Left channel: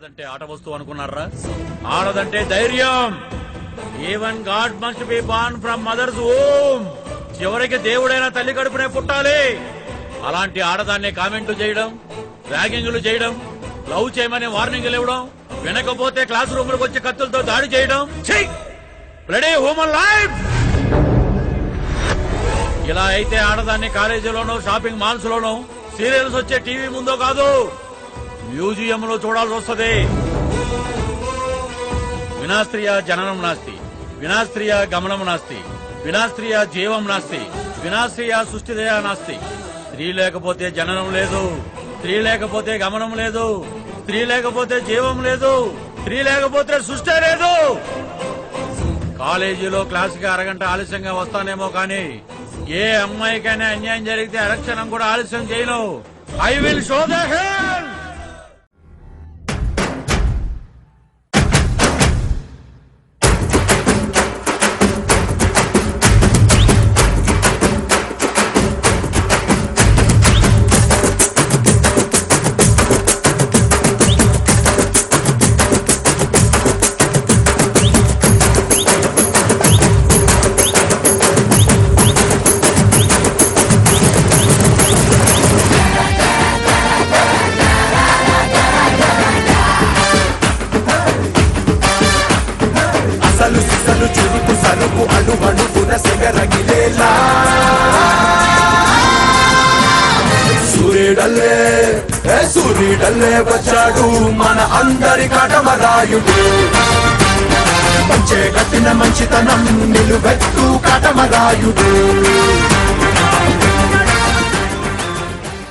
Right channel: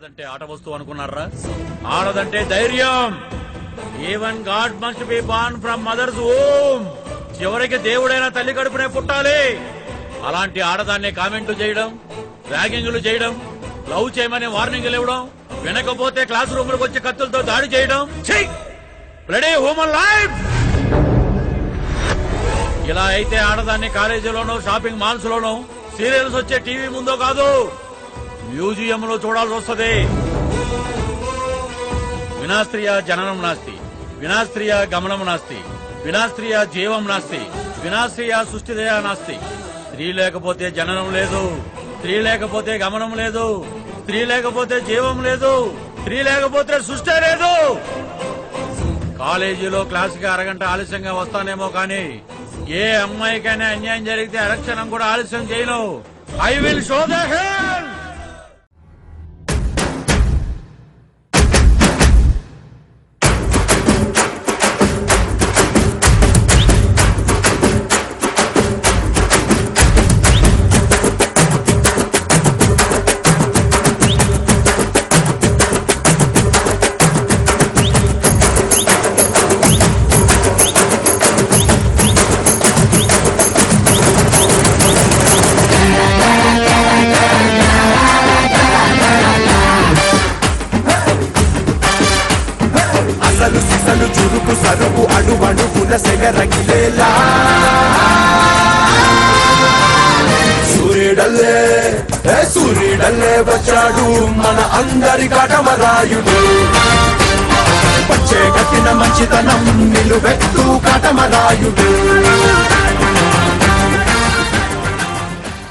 ఆడదంటే ఆట వస్తువు అనుకున్నారా? ఆడదంటే ధైర్యం. Even God must be born from mothers womb. చివరికి దేవుడైన తల్లి కడుపునే పుట్టాలి. అలాంటి ఆడదాన్ని కామెంట్లు చేయడం, ర్యాగింగ్లు చేయడం, లవ్ చేయమని వార్నింగ్లు ఇవ్వడం, వినకపోతే క్లాస్ రూమ్లకు వచ్చి కత్తులతో దాడి చేయడం, రెడీ హ్యూమన్ లైఫ్. ఇలా అయితే ఆడదాన్ని కాలేజీలోనో, షాపింగ్ మాల్స్ లోనో, సీరియల్స్ వచ్చే టీవీ ముందో కాదు, మ్యూజియం లో చూడాల్సి వస్తుంది. వినాస్త్రియ జననం నాస్తి, వినాస్త్రియ గమనం నాస్తి, వినాస్త్రియ జీవం నాస్తి, వినాస్త్రియ సృష్టిదయ నాస్తి. స్త్రీ లేకపోతే జననం లేదు, స్త్రీ లేకపోతే గమనం లేదు, స్త్రీ లేకపోతే జీవం లేదు, స్త్రీ లేకపోతే సృష్టి లేదు. కాలేజీలో క్లాసుకి అరగంట ఆలస్యంగా వస్తానేమో కానీ ఏ అమ్మాయికైనా అన్యాయం జరిగితే అరక్షణం కూడా ఆలస్యం చేయను. I will show the hell. అసలు సిసలు చురుకు సరుకు అణువణువున సెగరగిలేలా సూర్యుడల్లే వచ్చాడు మన అందరి కటమరాయుడు. పంచే గట్టిన మంచితనం నిలువెత్తు కటమరాయుడు.